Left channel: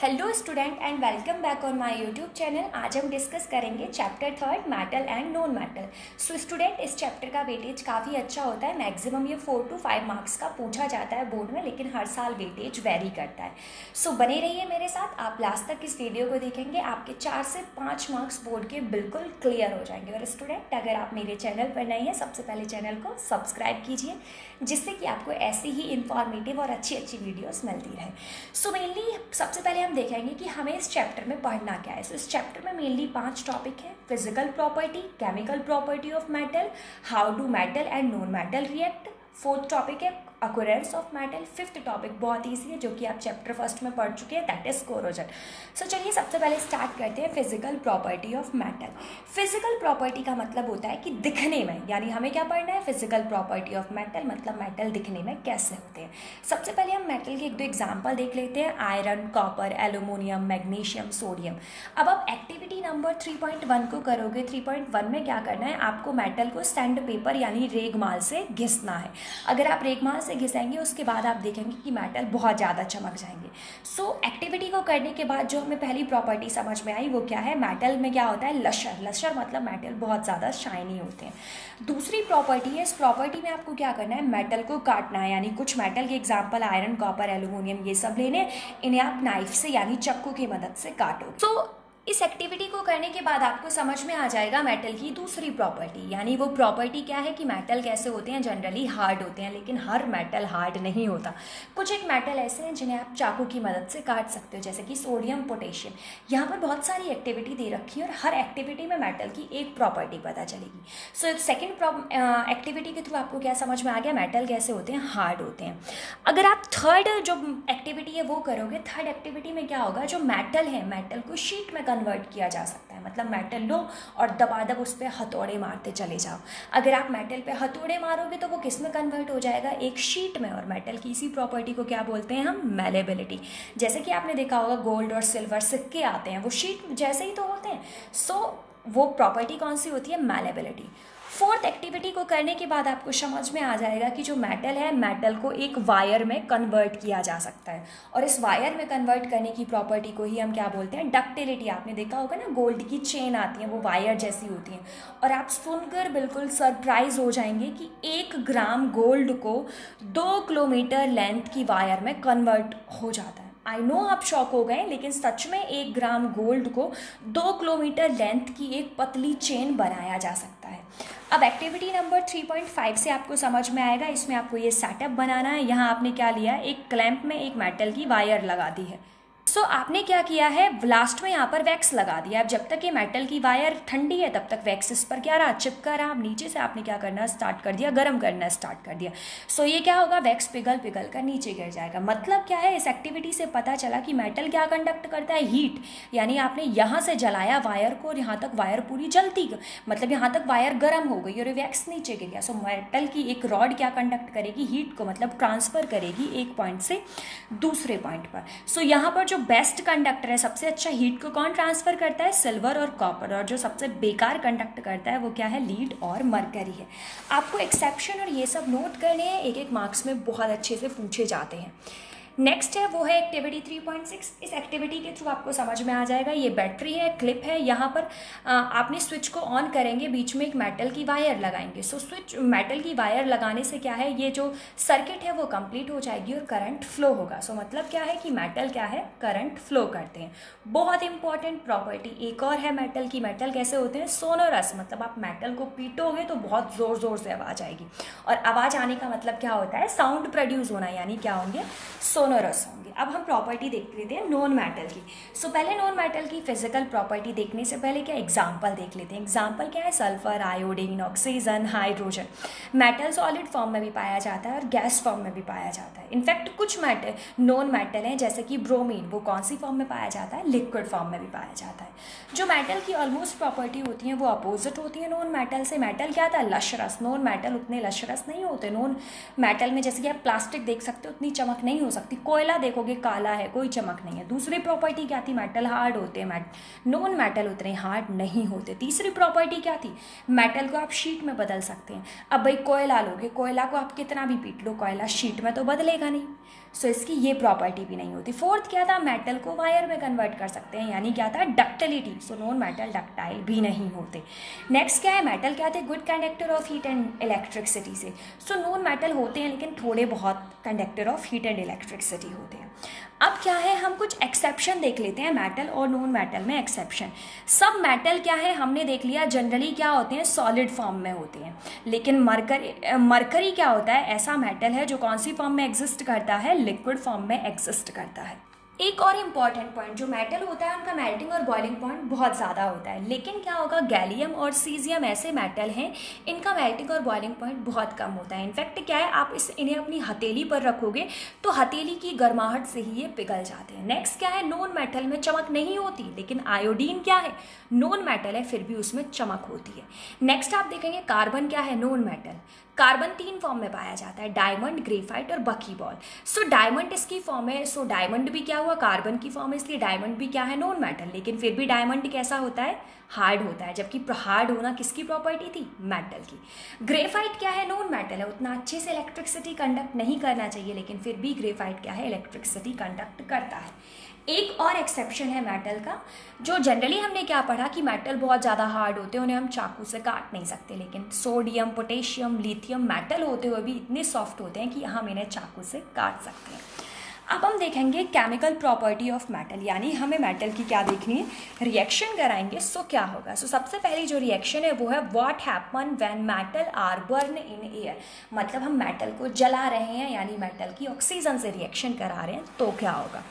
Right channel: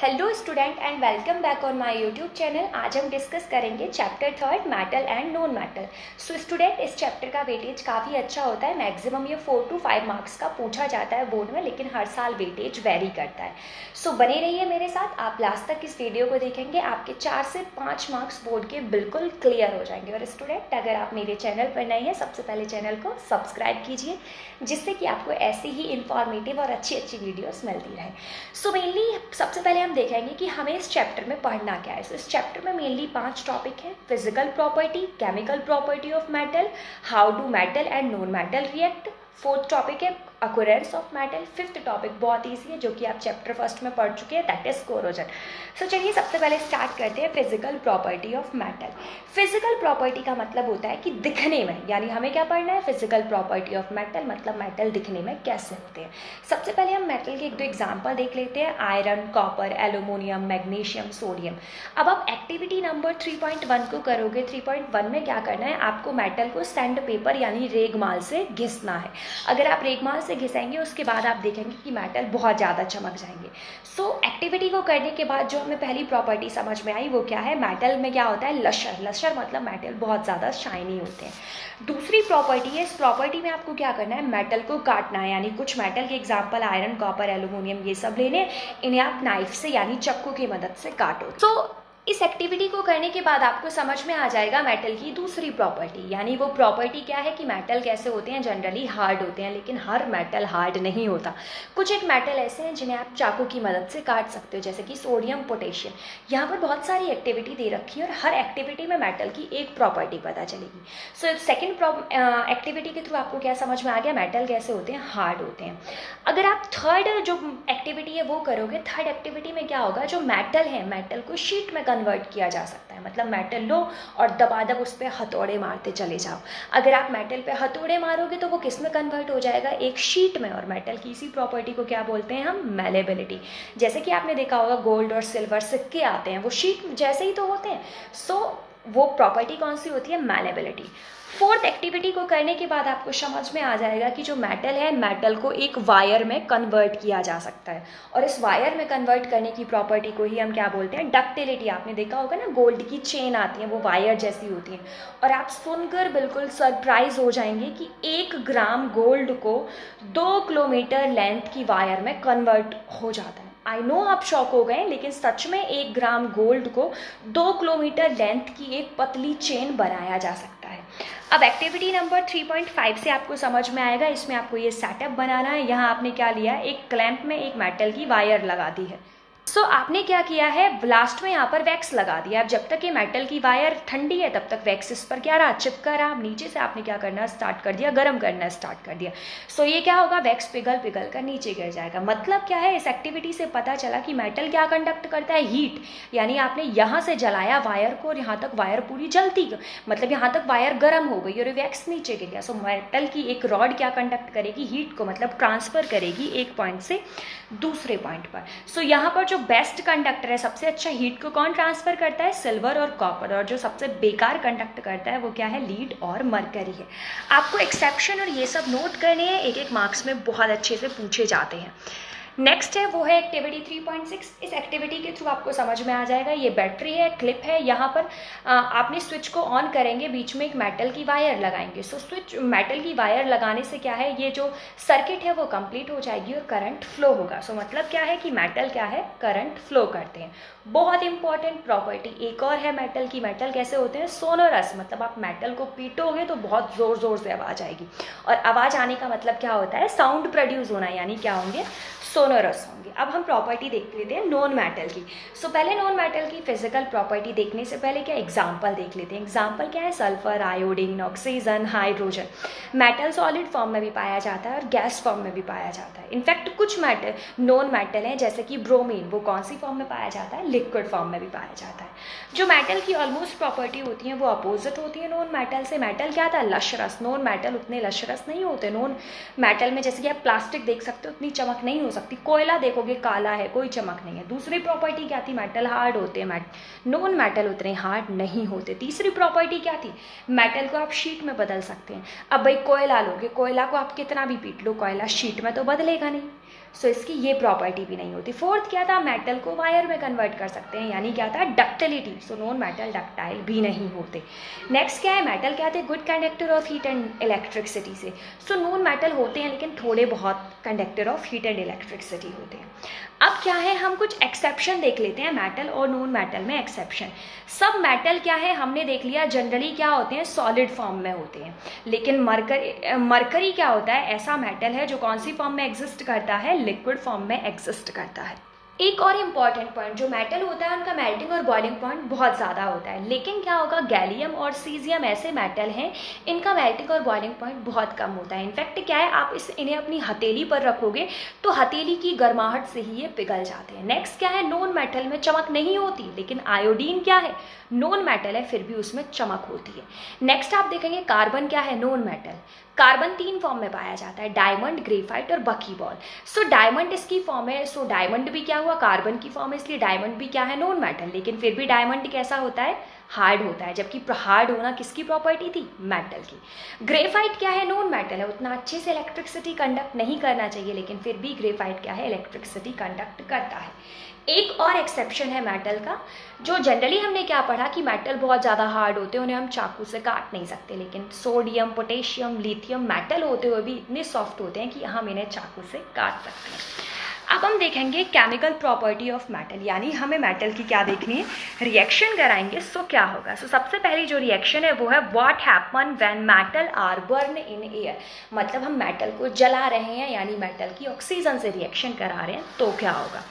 Hello student and welcome back on my YouTube channel. आज हम discuss करेंगे chapter 3 metal and non metal. So student, इस chapter का weightage काफ़ी अच्छा होता है। मैक्सिमम ये 4 to 5 मार्क्स का पूछा जाता है बोर्ड में, लेकिन हर साल वेटेज वेरी करता है। सो बने रहिए मेरे साथ, आप लास्ट तक इस वीडियो को देखेंगे, आपके 4 से 5 मार्क्स बोर्ड के बिल्कुल क्लियर हो जाएंगे। और स्टूडेंट, अगर आप मेरे चैनल पर नए हैं, सबसे पहले चैनल को सब्सक्राइब कीजिए, जिससे कि आपको ऐसी ही इंफॉर्मेटिव और अच्छी अच्छी वीडियोस मिलती रहे। सो मेनली सबसे पहले हम देखेंगे कि हमें इस चैप्टर में पढ़ना क्या है। इस चैप्टर में मेनली 5 टॉपिक हैं: physical property, chemical property of metal, how do metal and non metal react, 4th topic है occurrence of metal, 5th topic बहुत ईजी है जो कि आप चैप्टर 1 में पढ़ चुके हैं, दैट इज कोरोजन। सो चलिए सबसे पहले स्टार्ट करते हैं physical property of metal. Physical property का मतलब होता है कि दिखने में, यानी हमें क्या पढ़ना है, फिजिकल प्रॉपर्टी ऑफ मेटल मतलब मेटल दिखने में कैसे होते हैं। सबसे पहले हम मेटल के 1-2 एग्जाम्पल देख लेते हैं: iron, copper, aluminium, magnesium, sodium. अब आप एक्टिविटी नंबर 3.1 को करोगे। 3.1 में क्या करना है, आपको मेटल को सैंड पेपर यानी रेगमाल से घिसना है। अगर आप रेगमाल से घिसेंगे उसके बाद आप देखेंगे कि मेटल बहुत ज़्यादा चमक जाएंगे। सो एक्टिविटी को करने के बाद जो हमें पहली प्रॉपर्टी समझ में आई वो क्या है, मेटल में क्या होता है, लशर। लशर मतलब मेटल बहुत ज़्यादा शाइनी होते हैं। दूसरी प्रॉपर्टी है, इस प्रॉपर्टी में आपको क्या करना है, मेटल को काटना है। यानी कुछ मेटल के एग्जाम्पल आयरन, कॉपर, एल्यूमिनियम ये सब लेने, इन्हें आप नाइफ से यानी चाकू की मदद से काटोगे। सो इस एक्टिविटी को करने के बाद आपको समझ में आ जाएगा मेटल की दूसरी प्रॉपर्टी। यानी वो प्रॉपर्टी क्या है कि मेटल कैसे होते हैं, जनरली हार्ड होते हैं, लेकिन हर मेटल हार्ड नहीं होता। कुछ एक मेटल ऐसे हैं जिन्हें आप चाकू की मदद से काट सकते हो, जैसे कि सोडियम, पोटेशियम। यहाँ पर बहुत सारी एक्टिविटी दे रखी है और हर एक्टिविटी में मेटल की एक प्रॉपर्टी पता चलेगी। सो सेकेंड एक्टिविटी के थ्रू आपको क्या समझ में आ गया, मेटल कैसे होते हैं, हार्ड होते हैं। अगर आप थर्ड जो एक्टिविटी है वो करोगे, थर्ड एक्टिविटी में क्या होगा, जो मेटल है मेटल को शीट में कन्वर्ट किया जा सकता है। मतलब मेटल लो और दबादब उस पर हथौड़े मारते चले जाओ। अगर आप मेटल पे हथौड़े मारोगे तो वो किस में कन्वर्ट हो जाएगा, एक शीट में। और मेटल की इसी प्रॉपर्टी को क्या बोलते हैं हम, मैलेबिलिटी। जैसे कि आपने देखा होगा गोल्ड और सिल्वर सिक्के आते हैं, वो शीट जैसे ही तो होते हैं। सो वो प्रॉपर्टी कौन सी होती है, मैलेबिलिटी। 4th एक्टिविटी को करने के बाद आपको समझ में आ जाएगा कि जो मेटल है, मेटल को एक वायर में कन्वर्ट किया जा सकता है। और इस वायर में कन्वर्ट करने की प्रॉपर्टी को ही हम क्या बोलते हैं, डक्टिलिटी। आपने देखा होगा ना, गोल्ड की चेन आती है, वो वायर जैसी होती हैं। और आप सुनकर बिल्कुल सरप्राइज हो जाएंगे कि 1 ग्राम गोल्ड को 2 किलोमीटर लेंथ की वायर में कन्वर्ट हो जाता है। आई नो आप शॉक हो गए, लेकिन सच में 1 ग्राम गोल्ड को 2 किलोमीटर लेंथ की एक पतली चेन बनाया जा सकता है। अब एक्टिविटी नंबर 3.5 से आपको समझ में आएगा, इसमें आपको ये सेटअप बनाना है। यहाँ आपने क्या लिया है, एक क्लैंप में एक मेटल की वायर लगा दी है। सो आपने क्या किया है, लास्ट में यहाँ पर वैक्स लगा दिया। अब जब तक ये मेटल की वायर ठंडी है तब तक वैक्स इस पर क्या रहा, चिपका रहा। अब नीचे से आपने क्या करना स्टार्ट कर दिया, गर्म करना स्टार्ट कर दिया। सो ये क्या होगा, वैक्स पिघल पिघल कर नीचे गिर जाएगा। मतलब क्या है, इस एक्टिविटी से पता चला कि मेटल क्या कंडक्ट करता है, हीट। यानी आपने यहाँ से जलाया वायर को और यहाँ तक वायर पूरी जलती, मतलब यहाँ तक वायर गर्म हो गई और वैक्स नीचे गिर गया। सो मेटल की एक रॉड क्या कंडक्ट करेगी, हीट को, मतलब ट्रांसफर करेगी एक पॉइंट से दूसरे पॉइंट पर। सो यहाँ पर जो बेस्ट कंडक्टर है, सबसे अच्छा हीट को कौन ट्रांसफर करता है, सिल्वर और कॉपर। और जो सबसे बेकार कंडक्ट करता है वो क्या है, लीड और मरकरी है। आपको एक्सेप्शन और ये सब नोट करने हैं, एक एक मार्क्स में बहुत अच्छे से पूछे जाते हैं। नेक्स्ट है वो है एक्टिविटी 3.6। इस एक्टिविटी के थ्रू आपको समझ में आ जाएगा, ये बैटरी है, क्लिप है। यहाँ पर आपने स्विच को ऑन करेंगे, बीच में एक मेटल की वायर लगाएंगे। सो स्विच मेटल की वायर लगाने से क्या है, ये जो सर्किट है वो कंप्लीट हो जाएगी और करंट फ्लो होगा। सो मतलब क्या है कि मेटल क्या है, करंट फ्लो करते हैं। बहुत इंपॉर्टेंट प्रॉपर्टी एक और है मेटल की। मेटल कैसे होते हैं, सोनोरस। मतलब आप मेटल को पीटोगे तो बहुत जोर जोर से आवाज आएगी, और आवाज आने का मतलब क्या होता है, साउंड प्रोड्यूस होना, यानी क्या होंगे, सोनोरस होंगे। अब हम प्रॉपर्टी देख लेते हैं नॉन मेटल की। सो पहले नॉन मेटल की फिजिकल प्रॉपर्टी देखने से पहले क्या एग्जांपल देख लेते हैं। एग्जांपल क्या है, sulphur, iodine, oxygen, hydrogen. Metal solid form में भी पाया जाता है और गैस फॉर्म में भी पाया जाता है। इनफैक्ट कुछ मेटल नॉन मेटल हैं, जैसे कि ब्रोमीन, वो कौन सी फॉर्म में पाया जाता है, लिक्विड फॉर्म में भी पाया जाता है। जो मेटल की ऑलमोस्ट प्रॉपर्टी होती है वो अपोजिट होती है नॉन मेटल से। मेटल क्या था, लशरस। नॉन मेटल उतने लशरस नहीं होते। नॉन मेटल में जैसे कि आप प्लास्टिक देख सकते हो, उतनी चमक नहीं हो सकती। कोयला देखोगे काला है, कोई चमक नहीं है। दूसरी प्रॉपर्टी क्या थी, मेटल हार्ड होते हैं, नॉन मेटल उतने हार्ड नहीं होते। तीसरी प्रॉपर्टी क्या थी, मेटल को आप शीट में बदल सकते हैं। अब भाई कोयला लोगे, कोयला को आप कितना भी पीट लो, कोयला शीट में तो बदलेगा नहीं। सो इसकी ये प्रॉपर्टी भी नहीं होती। फोर्थ क्या था, मेटल को वायर में कन्वर्ट कर सकते हैं, यानी क्या था, ductility. So non metal ductile भी नहीं होते। नेक्स्ट क्या है, मेटल क्या थे, good conductor of heat and electricity से। सो नॉन मेटल होते हैं लेकिन थोड़े बहुत conductor of heat and electricity होते हैं। अब क्या है, हम कुछ एक्सेप्शन देख लेते हैं मेटल और नॉन मेटल में एक्सेप्शन। सब मेटल क्या है, हमने देख लिया जनरली क्या होते हैं, सॉलिड फॉर्म में होते हैं। लेकिन मरकरी क्या होता है, ऐसा मेटल है जो कौन सी फॉर्म में एग्जिस्ट करता है, लिक्विड फॉर्म में एग्जिस्ट करता है। एक और इम्पॉर्टेंट पॉइंट, जो मेटल होता है उनका मेल्टिंग और बॉइलिंग पॉइंट बहुत ज़्यादा होता है। लेकिन क्या होगा, गैलियम और सीजियम ऐसे मेटल हैं इनका मेल्टिंग और बॉइलिंग पॉइंट बहुत कम होता है। इनफैक्ट क्या है, आप इन्हें अपनी हथेली पर रखोगे तो हथेली की गर्माहट से ही ये पिघल जाते हैं। नेक्स्ट क्या है, नॉन मेटल में चमक नहीं होती, लेकिन आयोडीन क्या है, नॉन मेटल है फिर भी उसमें चमक होती है। नेक्स्ट आप देखेंगे कार्बन क्या है, नॉन मेटल। कार्बन 3 फॉर्म में पाया जाता है, डायमंड, ग्रेफाइट और बकीबॉल। सो डायमंड इसकी फॉर्म है। सो डायमंड भी क्या हुआ, कार्बन की फॉर्म है, इसलिए डायमंड भी क्या है, नॉन मेटल। लेकिन फिर भी डायमंड कैसा होता है, हार्ड होता है, जबकि हार्ड होना किसकी प्रॉपर्टी थी, मेटल की। ग्रेफाइट क्या है, नॉन मेटल है, उतना अच्छे से इलेक्ट्रिसिटी कंडक्ट नहीं करना चाहिए, लेकिन फिर भी ग्रेफाइट क्या है, इलेक्ट्रिसिटी कंडक्ट करता है। एक और एक्सेप्शन है मेटल का, जो जनरली हमने क्या पढ़ा कि मेटल बहुत ज़्यादा हार्ड होते हैं, उन्हें हम चाकू से काट नहीं सकते। लेकिन सोडियम, पोटेशियम, लिथियम मेटल होते हुए भी इतने सॉफ्ट होते हैं कि हम इन्हें चाकू से काट सकते हैं। अब हम देखेंगे केमिकल प्रॉपर्टी ऑफ मेटल, यानी हमें मेटल की क्या देखनी है, रिएक्शन कराएंगे। सो क्या होगा, सो सबसे पहली जो रिएक्शन है वो है what happen when metal are burn in air. मतलब हम मेटल को जला रहे हैं, यानी मेटल की ऑक्सीजन से रिएक्शन करा रहे हैं, तो क्या होगा।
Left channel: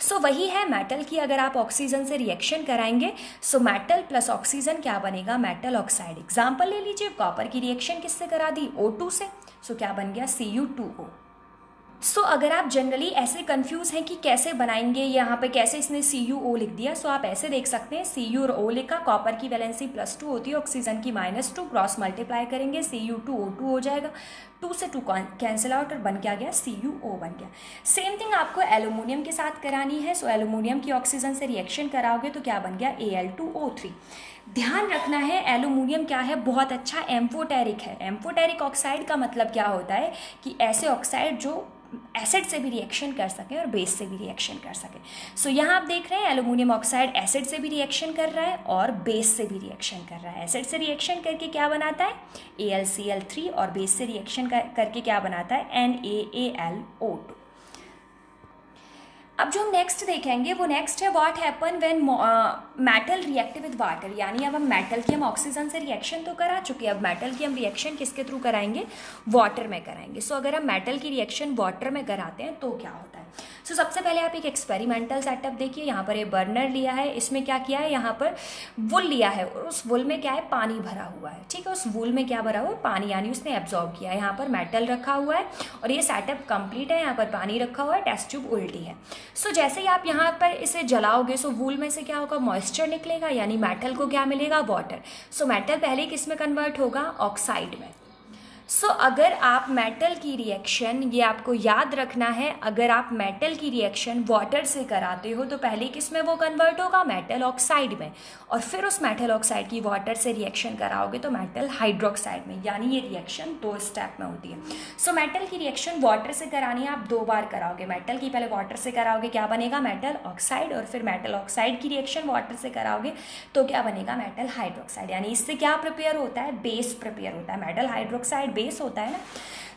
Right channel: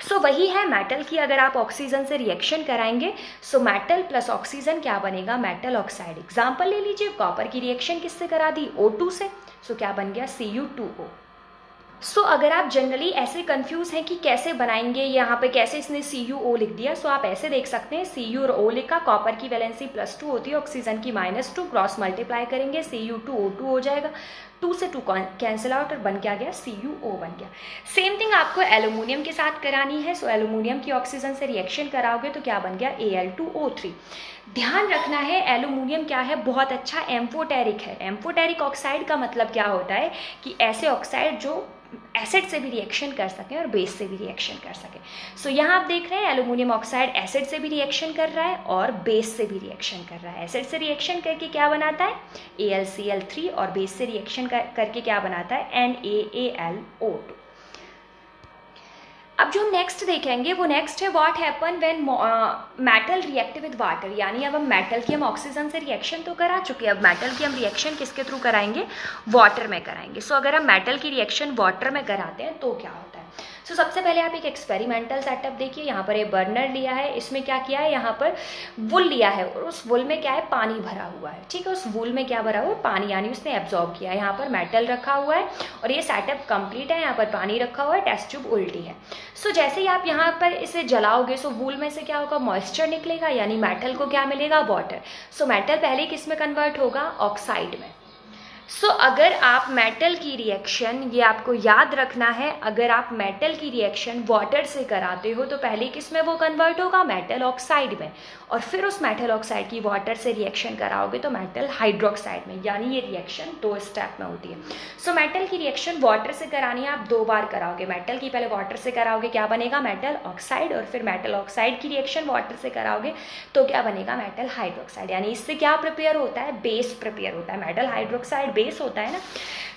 सो वही है मेटल की, अगर आप ऑक्सीजन से रिएक्शन कराएंगे सो मेटल प्लस ऑक्सीजन क्या बनेगा, मेटल ऑक्साइड। एग्जाम्पल ले लीजिए, कॉपर की रिएक्शन किससे करा दी, O2 से। सो क्या बन गया, Cu2O। सो अगर आप जनरली ऐसे कंफ्यूज हैं कि कैसे बनाएंगे, यहाँ पे कैसे इसने CuO लिख दिया, सो आप ऐसे देख सकते हैं, Cu और O लिखा, कॉपर की वैलेंसी +2 होती है, ऑक्सीजन की -2, क्रॉस मल्टीप्लाई करेंगे Cu2O2 हो जाएगा, 2 से 2 कैंसिल आउट और बन क्या गया, CuO बन गया। सेम थिंग आपको एल्यूमिनियम के साथ करानी है। सो एल्यूमिनियम की ऑक्सीजन से रिएक्शन कराओगे तो क्या बन गया, Al2O3। ध्यान रखना है, एल्यूमिनियम क्या है, बहुत अच्छा एम्फोटेरिक है। एम्फोटेरिक ऑक्साइड का मतलब क्या होता है कि ऐसे ऑक्साइड जो एसिड से भी रिएक्शन कर सकें और बेस से भी रिएक्शन कर सकें। सो यहाँ आप देख रहे हैं एल्यूमिनियम ऑक्साइड एसिड से भी रिएक्शन कर रहा है और बेस से भी रिएक्शन कर रहा है। एसिड से रिएक्शन करके क्या बनाता है, AlCl3, और बेस से रिएक्शन करके क्या बनाता है, NaAlO2। अब जो हम नेक्स्ट देखेंगे वो नेक्स्ट है what happen when metal react with water. यानी अब हम मेटल की ऑक्सीजन से रिएक्शन तो करा चुके हैं, अब मेटल की हम रिएक्शन किसके थ्रू कराएंगे, वाटर में कराएंगे। सो अगर हम मेटल की रिएक्शन वाटर में कराते हैं तो क्या होता है। सो सबसे पहले आप एक एक्सपेरिमेंटल सेटअप देखिए, यहाँ पर एक बर्नर लिया है, इसमें क्या किया है, यहाँ पर वुल लिया है और उस वुल में क्या है, पानी भरा हुआ है। ठीक है, उस वुल में क्या भरा हुआ है, पानी, यानी उसने एब्जॉर्ब किया है। यहाँ पर मेटल रखा हुआ है और ये सेटअप कंप्लीट है, यहाँ पर पानी रखा हुआ है, टेस्ट ट्यूब उल्टी है। सो जैसे ही आप यहाँ पर इसे जलाओगे सो वुल में से क्या होगा, मॉइस्चर निकलेगा, यानी मेटल को क्या मिलेगा, वाटर। सो मेटल पहले किस में कन्वर्ट होगा, ऑक्साइड में। सो अगर आप मेटल की रिएक्शन, ये आपको याद रखना है, अगर आप मेटल की रिएक्शन वाटर से कराते हो तो पहले किस में वो कन्वर्ट होगा, मेटल ऑक्साइड में, और फिर उस मेटल ऑक्साइड की वाटर से रिएक्शन कराओगे तो मेटल हाइड्रोक्साइड में, यानी ये रिएक्शन 2 स्टेप में होती है। सो मेटल की रिएक्शन वाटर से करानी है, आप 2 बार कराओगे। मेटल की पहले वाटर से कराओगे, क्या बनेगा, मेटल ऑक्साइड, और फिर मेटल ऑक्साइड की रिएक्शन वाटर से कराओगे तो क्या बनेगा, मेटल हाइड्रोक्साइड। यानी इससे क्या प्रिपेयर होता है, बेस प्रिपेयर होता है। मेटल हाइड्रोक्साइड बेस होता है ना।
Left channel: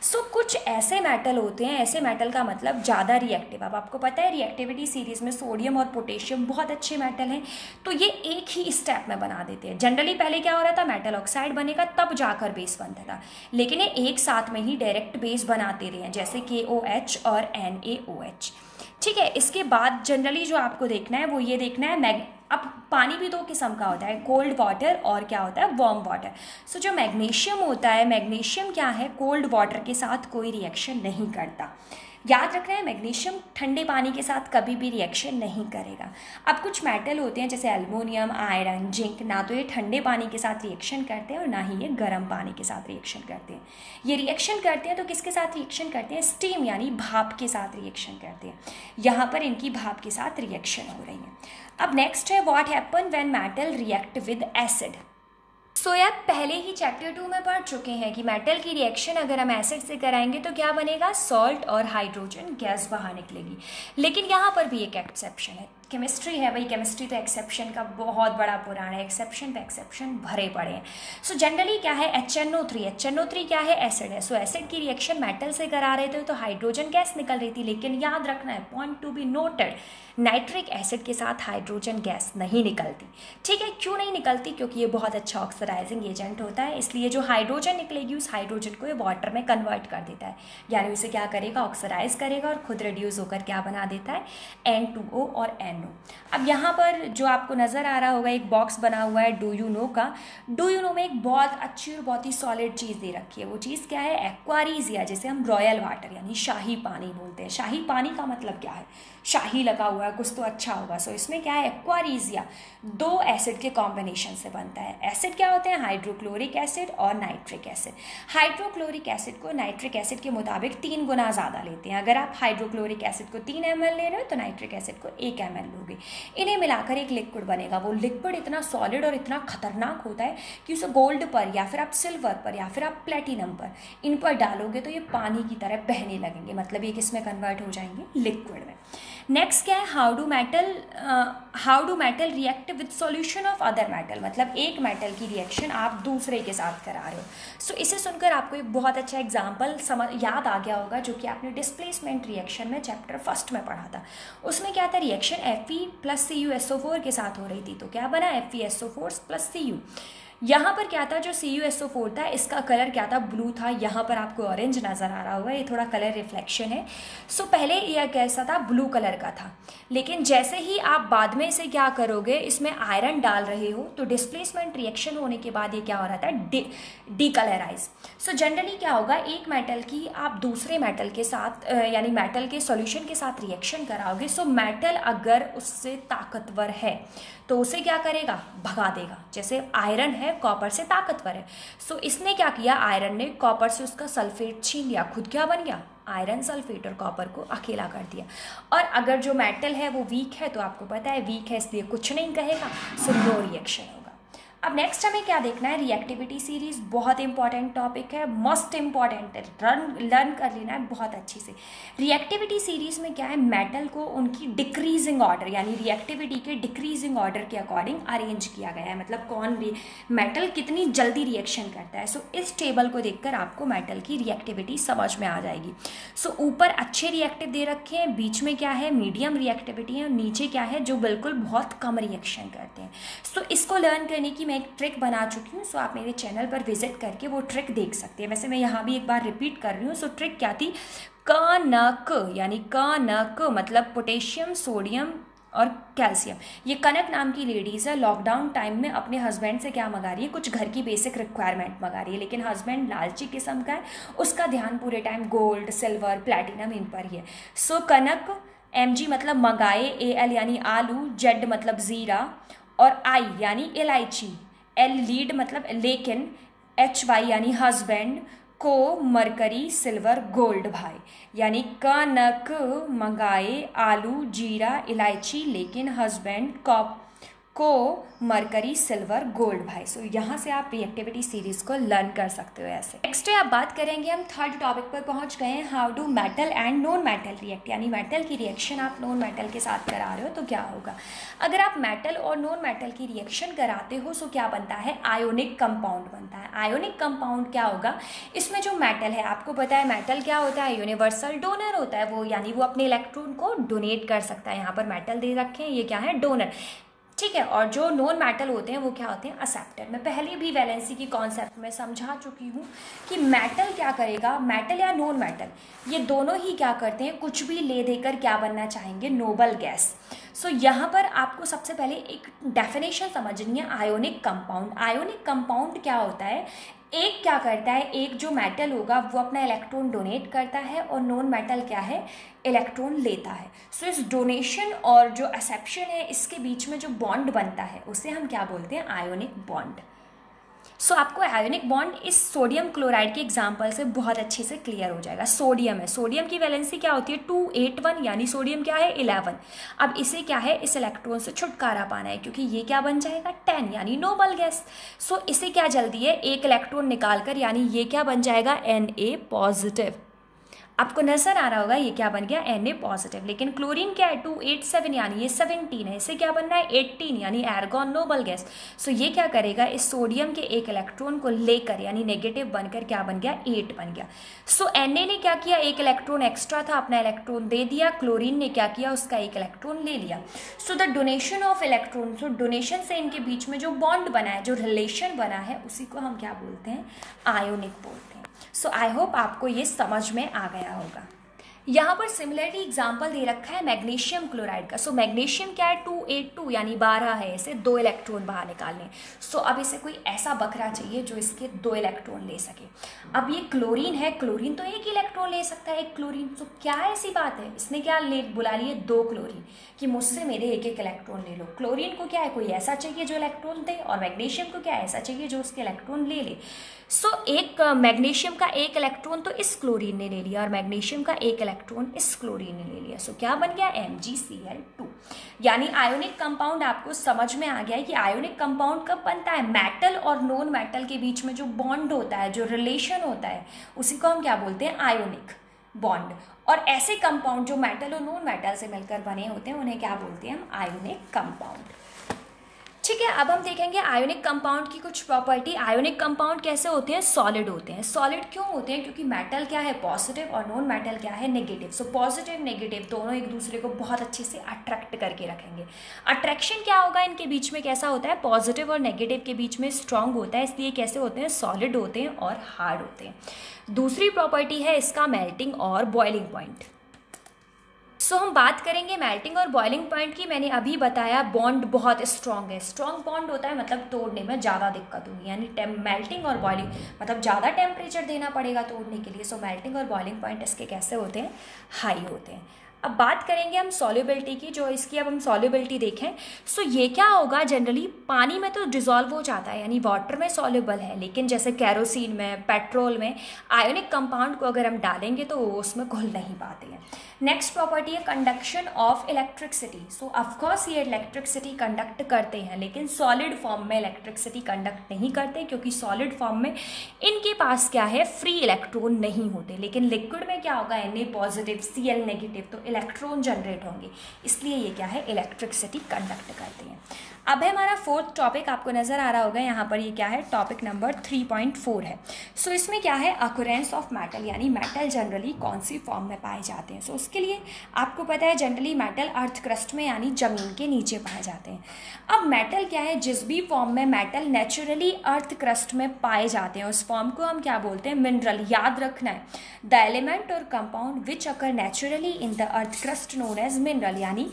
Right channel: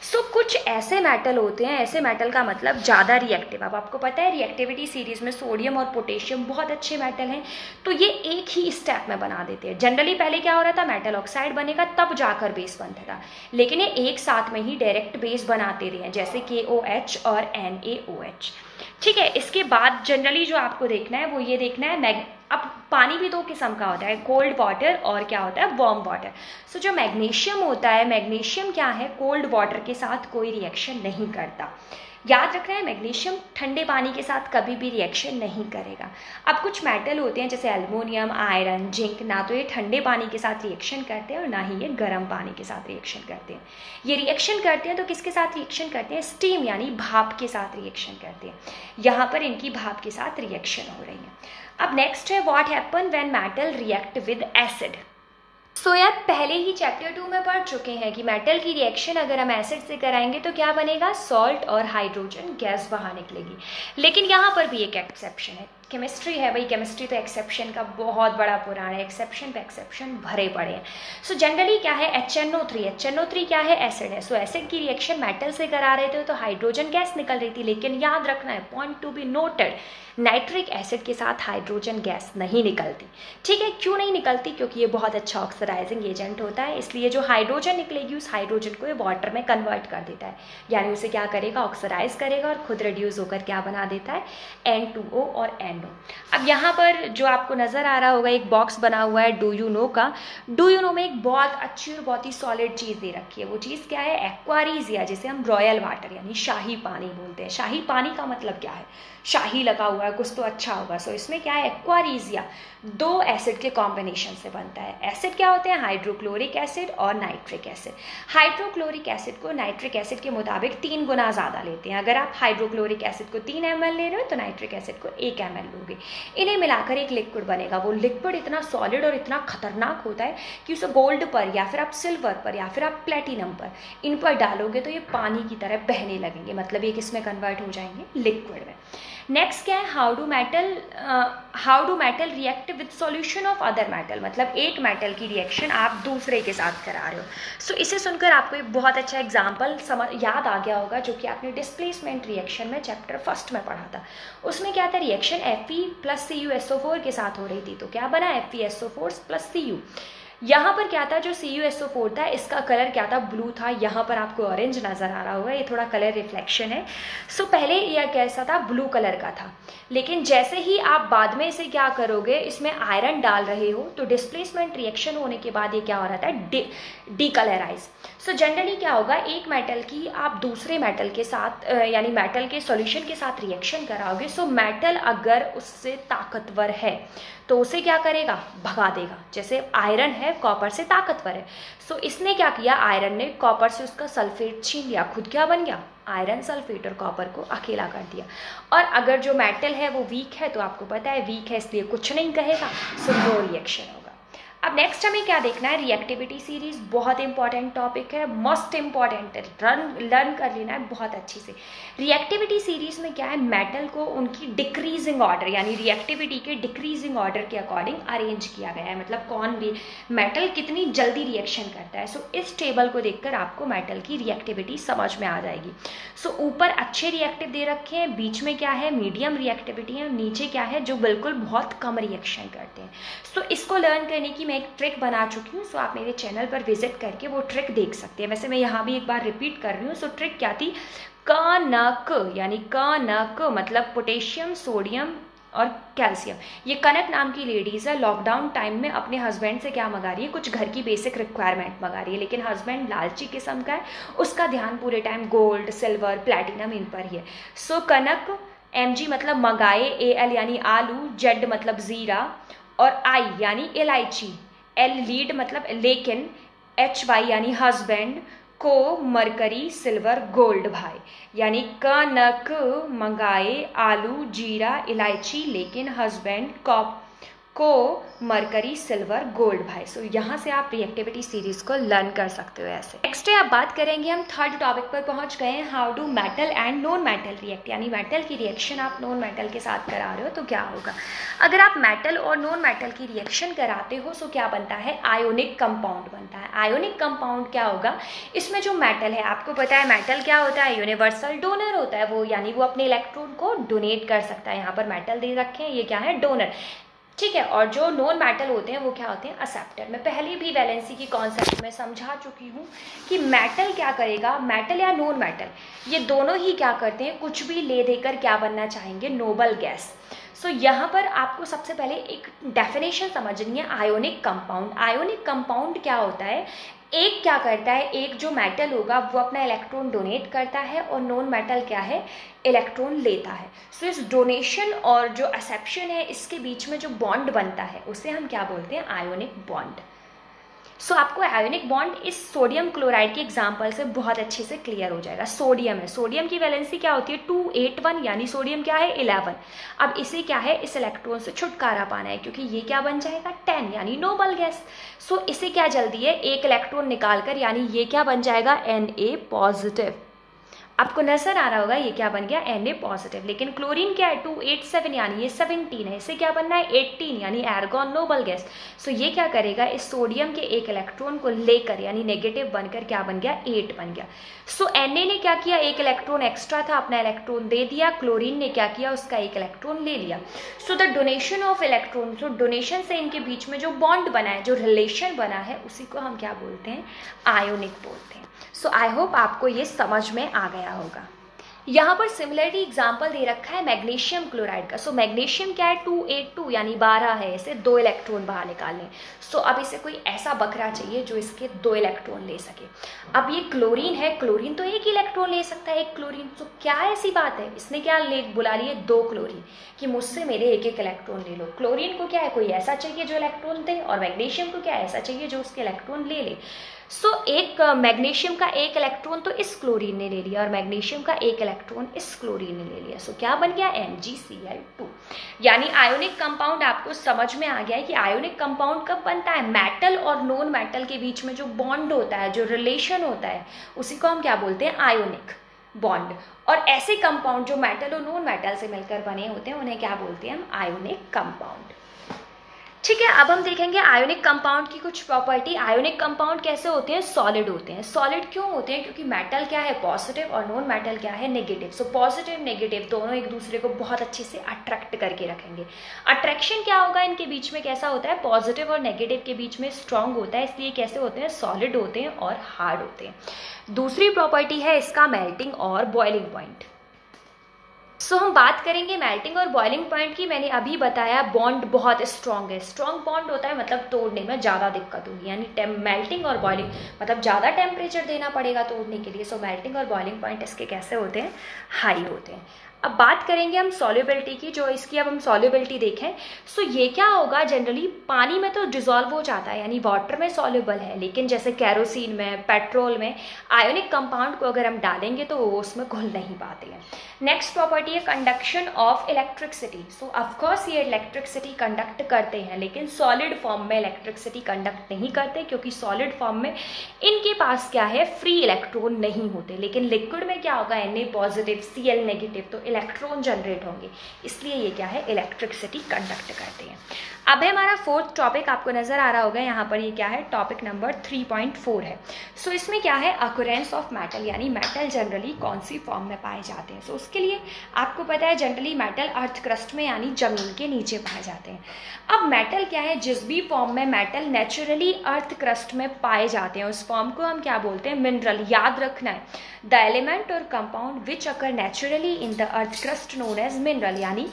सो कुछ ऐसे मेटल होते हैं, ऐसे मेटल का मतलब ज़्यादा रिएक्टिव। अब आपको पता है रिएक्टिविटी सीरीज में सोडियम और पोटेशियम बहुत अच्छे मेटल हैं, तो ये एक ही स्टेप में बना देते हैं। जनरली पहले क्या हो रहा था, मेटल ऑक्साइड बनेगा तब जाकर बेस बनता था, लेकिन ये एक साथ में ही डायरेक्ट बेस बनाते रहे हैं, जैसे KOH और NaOH। ठीक है, इसके बाद जनरली जो आपको देखना है वो ये देखना है, अब पानी भी 2 किस्म का होता है, कोल्ड वाटर और क्या होता है, वार्म वाटर। सो जो मैग्नीशियम होता है, मैग्नीशियम क्या है, कोल्ड वाटर के साथ कोई रिएक्शन नहीं करता। याद रखना है, मैग्नीशियम ठंडे पानी के साथ कभी भी रिएक्शन नहीं करेगा। अब कुछ मेटल होते हैं जैसे एल्युमिनियम, आयरन, जिंक, ना तो ये ठंडे पानी के साथ रिएक्शन करते हैं और ना ही ये गर्म पानी के साथ रिएक्शन करते हैं। ये रिएक्शन करते हैं तो किसके साथ रिएक्शन करते हैं, स्टीम यानी भाप के साथ रिएक्शन करते हैं। यहाँ पर इनकी भाप के साथ रिएक्शन हो रही है। अब नेक्स्ट है what happen when metal react with acid. So यार पहले ही चैप्टर 2 में पढ़ चुके हैं कि मेटल की रिएक्शन अगर हम एसिड से कराएंगे तो क्या बनेगा, सॉल्ट और हाइड्रोजन गैस बाहर निकलेगी। लेकिन यहाँ पर भी एक एक्सेप्शन है, केमिस्ट्री है भाई, केमिस्ट्री तो एक्सेप्शन का बहुत बड़ा पुराण है, एक्सेप्शन पे एक्सेप्शन भरे पड़े हैं। सो जनरली क्या है, HNO3 क्या है, एसिड है। सो एसिड की रिएक्शन मेटल से करा रहे थे तो हाइड्रोजन गैस निकल रही थी, लेकिन याद रखना है, point to be noted, nitric acid के साथ हाइड्रोजन गैस नहीं निकलती। ठीक है, क्यों नहीं निकलती, क्योंकि ये बहुत अच्छा ऑक्सीडाइजिंग एजेंट होता है, इसलिए जो हाइड्रोजन निकलेगी उस हाइड्रोजन को ये वाटर में कन्वर्ट कर देता है, यानी उसे क्या करेगा, ऑक्सीडाइज करेगा और खुद रिड्यूस होकर क्या बना देता है, N2O और NO। अब यहाँ पर जो आपको नज़र आ रहा होगा एक बॉक्स बना हुआ है डू यू नो का, डू यू नो में एक बहुत अच्छी और बहुत ही सॉलिड चीज़ दे रखी है। वो चीज़ क्या है, एक्वारीजिया, जिसे हम रॉयल वाटर यानी शाही पानी बोलते हैं। शाही पानी का मतलब क्या है, शाही लगा हुआ है, कुछ तो अच्छा होगा। सो इसमें क्या है, एक्वारीजिया दो एसिड के कॉम्बिनेशन से बनता है। एसिड क्या होते हैं, हाइड्रोक्लोरिक एसिड और नाइट्रिक एसिड। हाइड्रोक्लोरिक एसिड को नाइट्रिक एसिड के मुताबिक 3 गुना ज़्यादा लेते हैं। अगर आप हाइड्रोक्लोरिक एसिड को 3 ml ले रहे हो तो नाइट्रिक एसिड को 1 ml लोगे। इन्हें मिलाकर एक लिक्विड बनेगा। वो लिक्विड इतना सॉलिड और इतना खतरनाक होता है कि उसे गोल्ड पर या फिर आप सिल्वर पर या फिर आप प्लेटिनम पर, इन पर डालोगे तो ये पानी की तरह बहने लगेंगे, मतलब ये किस में कन्वर्ट हो जाएंगे, लिक्विड में। नेक्स्ट क्या है, how do metal react with solution of other metal, मतलब एक मेटल की रिएक्शन आप दूसरे के साथ करा रहे हो। सो इसे सुनकर आपको एक बहुत अच्छा एग्जांपल याद आ गया होगा, जो कि आपने डिस्प्लेसमेंट रिएक्शन में चैप्टर 1 में पढ़ा था। उसमें क्या था, रिएक्शन Fe + CuSO4 के साथ हो रही थी, तो क्या बना, FeSO4 + Cu। यहाँ पर क्या था, जो CuSO4 था इसका कलर क्या था, ब्लू था। यहाँ पर आपको ऑरेंज नज़र आ रहा होगा, ये थोड़ा कलर रिफ्लेक्शन है। सो पहले यह कैसा था, ब्लू कलर का था, लेकिन जैसे ही आप बाद में इसे क्या करोगे, इसमें आयरन डाल रहे हो, तो डिस्प्लेसमेंट रिएक्शन होने के बाद ये क्या हो रहा था, डीकलराइज। सो जनरली क्या होगा, एक मेटल की आप दूसरे मेटल के साथ यानी मेटल के सॉल्यूशन के साथ रिएक्शन कराओगे। सो मेटल अगर उससे ताकतवर है तो उसे क्या करेगा, भगा देगा। जैसे आयरन है, कॉपर से ताकतवर है, सो इसने क्या किया, आयरन ने कॉपर से उसका सल्फेट छीन लिया, खुद क्या बन गया, आयरन सल्फेट, और कॉपर को अकेला कर दिया। और अगर जो मेटल है वो वीक है, तो आपको पता है वीक है इसलिए कुछ नहीं कहेगा, सो नो रिएक्शन होगा। अब नेक्स्ट हमें क्या देखना है, रिएक्टिविटी सीरीज, बहुत इंपॉर्टेंट टॉपिक है, मोस्ट इंपॉर्टेंट है, लर्न कर लेना है बहुत अच्छी से। रिएक्टिविटी सीरीज में क्या है, मेटल को उनकी डिक्रीजिंग ऑर्डर यानी रिएक्टिविटी के डिक्रीजिंग ऑर्डर के अकॉर्डिंग अरेंज किया गया है, मतलब कौन भी मेटल कितनी जल्दी रिएक्शन करता है। सो इस टेबल को देखकर आपको मेटल की रिएक्टिविटी समझ में आ जाएगी। सो ऊपर अच्छे रिएक्टिव दे रखे हैं, बीच में क्या है, मीडियम रिएक्टिविटी है, नीचे क्या है, जो बिल्कुल बहुत कम रिएक्शन करते हैं। सो इसको लर्न करने की मैं एक ट्रिक बना चुकी हूँ, सो आप मेरे चैनल पर विजिट करके वो ट्रिक देख सकते हैं। वैसे मैं यहाँ भी एक बार रिपीट कर रही हूँ। सो ट्रिक क्या थी, कनक, यानी कनक मतलब पोटेशियम, सोडियम और कैल्शियम। ये कनक नाम की लेडीज़ है, लॉकडाउन टाइम में अपने हस्बैंड से क्या मंगा रही है, कुछ घर की बेसिक रिक्वायरमेंट मंगा रही है, लेकिन हस्बैंड लालची किस्म का है, उसका ध्यान पूरे टाइम गोल्ड, सिल्वर, प्लैटिनम इन पर ही है। सो कनक, Mg मतलब मंगाए, Al यानी आलू, Z मतलब जीरा, और I यानी इलायची, L लीड मतलब लेकिन, HY यानी हस्बैंड, को मरकरी, सिल्वर, गोल्ड भाई, यानी कनक, मंगाए, आलू, जीरा, इलायची, लेकिन, हस्बैंड, को मरकरी, सिल्वर, गोल्ड भाई। सो यहाँ से आप रिएक्टिविटी सीरीज को लर्न कर सकते हो ऐसे। नेक्स्ट है, आप बात करेंगे, हम थर्ड टॉपिक पर पहुँच गए हैं, how do metal and non metal react, यानी मेटल की रिएक्शन आप नॉन मेटल के साथ करा रहे हो तो क्या होगा। अगर आप मेटल और नॉन मेटल की रिएक्शन कराते हो सो क्या बनता है, आयोनिक कंपाउंड बनता है। आयोनिक कंपाउंड क्या होगा, इसमें जो मेटल है, आपको पता है मेटल क्या होता है, यूनिवर्सल डोनर होता है वो, यानी वो अपने इलेक्ट्रॉन को डोनेट कर सकता है। यहाँ पर मेटल दे रखे हैं, ये क्या है, डोनर, ठीक है। और जो नॉन मेटल होते हैं वो क्या होते हैं, एक्सेप्टर। मैं पहले भी वैलेंसी की कॉन्सेप्ट में समझा चुकी हूँ कि मेटल क्या करेगा, मेटल या नॉन मेटल ये दोनों ही क्या करते हैं, कुछ भी ले देकर क्या बनना चाहेंगे, नोबल गैस। सो यहाँ पर आपको सबसे पहले एक डेफिनेशन समझनी है, आयोनिक कंपाउंड। आयोनिक कंपाउंड क्या होता है, एक क्या करता है, एक जो मेटल होगा वो अपना इलेक्ट्रॉन डोनेट करता है और नॉन मेटल क्या है, इलेक्ट्रॉन लेता है। सो इस डोनेशन और जो एक्सेप्शन है इसके बीच में जो बॉन्ड बनता है उसे हम क्या बोलते हैं, आयोनिक बॉन्ड। सो आपको आयोनिक बॉन्ड इस सोडियम क्लोराइड के एग्जाम्पल से बहुत अच्छे से क्लियर हो जाएगा। सोडियम है, सोडियम की वैलेंसी क्या होती है 281, यानी सोडियम क्या है 11। अब इसे क्या है, इस इलेक्ट्रॉन से छुटकारा पाना है, क्योंकि ये क्या बन जाएगा 10, यानी नोबल गैस। सो इसे क्या जल्दी है, एक इलेक्ट्रॉन निकालकर, यानी ये क्या बन जाएगा Na पॉजिटिव। आपको नजर आ रहा होगा ये क्या बन गया Na पॉजिटिव। लेकिन क्लोरीन क्या है 287, यानी ये 17 है, इसे क्या बनना है 18, यानी एर्गॉन नोबल गैस। सो ये क्या करेगा, इस सोडियम के एक इलेक्ट्रॉन को लेकर, यानी नेगेटिव बनकर क्या बन गया 8 बन गया। सो Na ने क्या किया, एक इलेक्ट्रॉन एक्स्ट्रा था, अपना इलेक्ट्रॉन दे दिया। क्लोरीन ने क्या किया, उसका एक इलेक्ट्रॉन ले लिया। So the donation of electron, so donation से इनके बीच में जो बॉन्ड बना है, जो रिलेशन बना है, उसी को हम क्या बोलते हैं, आयोनिक बोलते हैं। सो आई होप आपको ये समझ में आ गया होगा। यहाँ पर सिमिलरली एग्जाम्पल दे रखा है मैग्नीशियम क्लोराइड का। सो मैग्नीशियम क्या है 282, यानी 12 है, इसे 2 इलेक्ट्रॉन बाहर निकालने। सो अब इसे कोई ऐसा बकरा चाहिए जो इसके 2 इलेक्ट्रॉन ले सके। अब ये क्लोरीन है, क्लोरीन तो एक ही इलेक्ट्रॉन ले सकता है, एक क्लोरीन। तो क्या ऐसी बात है, इसने क्या बुला लिए 2 क्लोरीन कि मुझसे मेरे एक एक इलेक्ट्रॉन ले लो। क्लोरीन को क्या है, कोई ऐसा चाहिए जो इलेक्ट्रॉन दे, और मैग्नीशियम को क्या ऐसा चाहिए जो उसके इलेक्ट्रॉन ले ले। सो एक मैग्नीशियम का एक इलेक्ट्रॉन तो इस क्लोरीन ने ले लिया, और मैग्नीशियम का एक इलेक्ट्रॉन इस क्लोरीन ने ले लिया। सो क्या बन गया MgCl2, यानी आयोनिक कंपाउंड। आपको समझ में आ गया है कि आयोनिक कंपाउंड कब बनता है, मेटल और नॉन मेटल के बीच में जो बॉन्ड होता है, जो रिलेशन होता है, उसी को हम क्या बोलते हैं, आयोनिक बॉन्ड। और ऐसे कंपाउंड जो मेटल और नॉन मेटल से मिलकर बने होते हैं, उन्हें क्या बोलते हैं हम, आयोनिक कंपाउंड। ठीक है, अब हम देखेंगे आयोनिक कंपाउंड की कुछ प्रॉपर्टी। आयोनिक कंपाउंड कैसे होते हैं, सॉलिड होते हैं। सॉलिड क्यों होते हैं, क्योंकि मेटल क्या है पॉजिटिव और नॉन मेटल क्या है नेगेटिव। सो पॉजिटिव नेगेटिव दोनों एक दूसरे को बहुत अच्छे से अट्रैक्ट करके रखेंगे। अट्रैक्शन क्या होगा इनके बीच में, कैसा होता है, पॉजिटिव और नेगेटिव के बीच में स्ट्रांग होता है, इसलिए कैसे होते हैं, सॉलिड होते हैं और हार्ड होते हैं। दूसरी प्रॉपर्टी है इसका मेल्टिंग और बॉइलिंग पॉइंट। सो हम बात करेंगे मेल्टिंग और बॉइलिंग पॉइंट की। मैंने अभी बताया बॉन्ड बहुत स्ट्रांग है, स्ट्रांग बॉन्ड होता है मतलब तोड़ने में ज़्यादा दिक्कत होगी, यानी मेल्टिंग और बॉइलिंग मतलब ज़्यादा टेम्परेचर देना पड़ेगा तोड़ने के लिए। सो मेल्टिंग और बॉइलिंग पॉइंट इसके कैसे होते हैं, हाई होते हैं। अब बात करेंगे हम सॉल्युबिलिटी की, जो इसकी अब हम सॉल्युबिलिटी देखें। सो ये क्या होगा, जनरली पानी में तो डिजॉल्व हो जाता है, यानी वाटर में सॉल्युबल है, लेकिन जैसे कैरोसिन में, पेट्रोल में आयोनिक कंपाउंड को अगर हम डालेंगे तो वो उसमें घुल नहीं पाते हैं। नेक्स्ट प्रॉपर्टी है conduction of electricity. So of course ये इलेक्ट्रिसिटी कंडक्ट करते हैं, लेकिन सॉलिड फॉर्म में इलेक्ट्रिसिटी कंडक्ट नहीं करते, क्योंकि सॉलिड फॉर्म में इनके पास क्या है, फ्री इलेक्ट्रॉन नहीं होते। लेकिन लिक्विड में क्या होगा, Na पॉजिटिव Cl नेगेटिव, तो इलेक्ट्रॉन जनरेट होंगे, इसलिए ये क्या है, इलेक्ट्रिसिटी कंडक्ट करते हैं। अब है हमारा फोर्थ टॉपिक, आपको नजर आ रहा होगा यहाँ पर, ये क्या है, टॉपिक नंबर 3.4 है। सो इसमें क्या है, अकुरेंस ऑफ मेटल, यानी मेटल जनरली कौन सी फॉर्म में पाए जाते हैं। सो उसके लिए आपको पता है जनरली मेटल अर्थ क्रस्ट में, यानी जमीन के नीचे पाए जाते हैं। अब मेटल क्या है, जिस भी फॉर्म में मेटल नेचुरली अर्थ क्रस्ट में पाए जाते हैं, उस फॉर्म को हम क्या बोलते हैं, मिनरल। याद रखना है, द एलिमेंट और compound which occur naturally in the earth crust known as mineral, यानी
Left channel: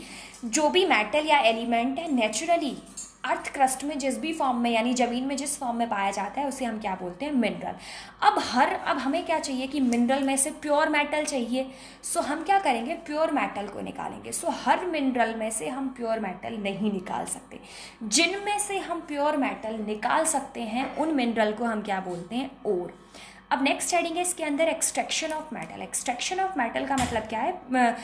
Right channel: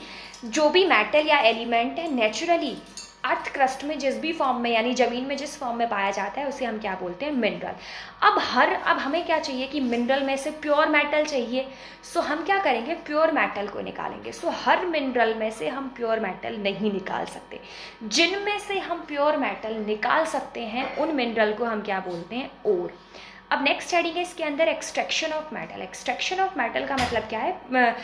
जो भी मेटल या एलिमेंट है नेचुरली अर्थ क्रस्ट में जिस भी फॉर्म में, यानी जमीन में जिस फॉर्म में पाया जाता है, उसे हम क्या बोलते हैं, मिनरल। अब हमें क्या चाहिए कि मिनरल में से प्योर मेटल चाहिए। सो हम क्या करेंगे, प्योर मेटल को निकालेंगे। सो हर मिनरल में से हम प्योर मेटल नहीं निकाल सकते, जिनमें से हम प्योर मेटल निकाल सकते हैं उन मिनरल को हम क्या बोलते हैं, ओर। अब नेक्स्ट हेडिंग है इसके अंदर extraction of metal. Extraction of metal का मतलब क्या है,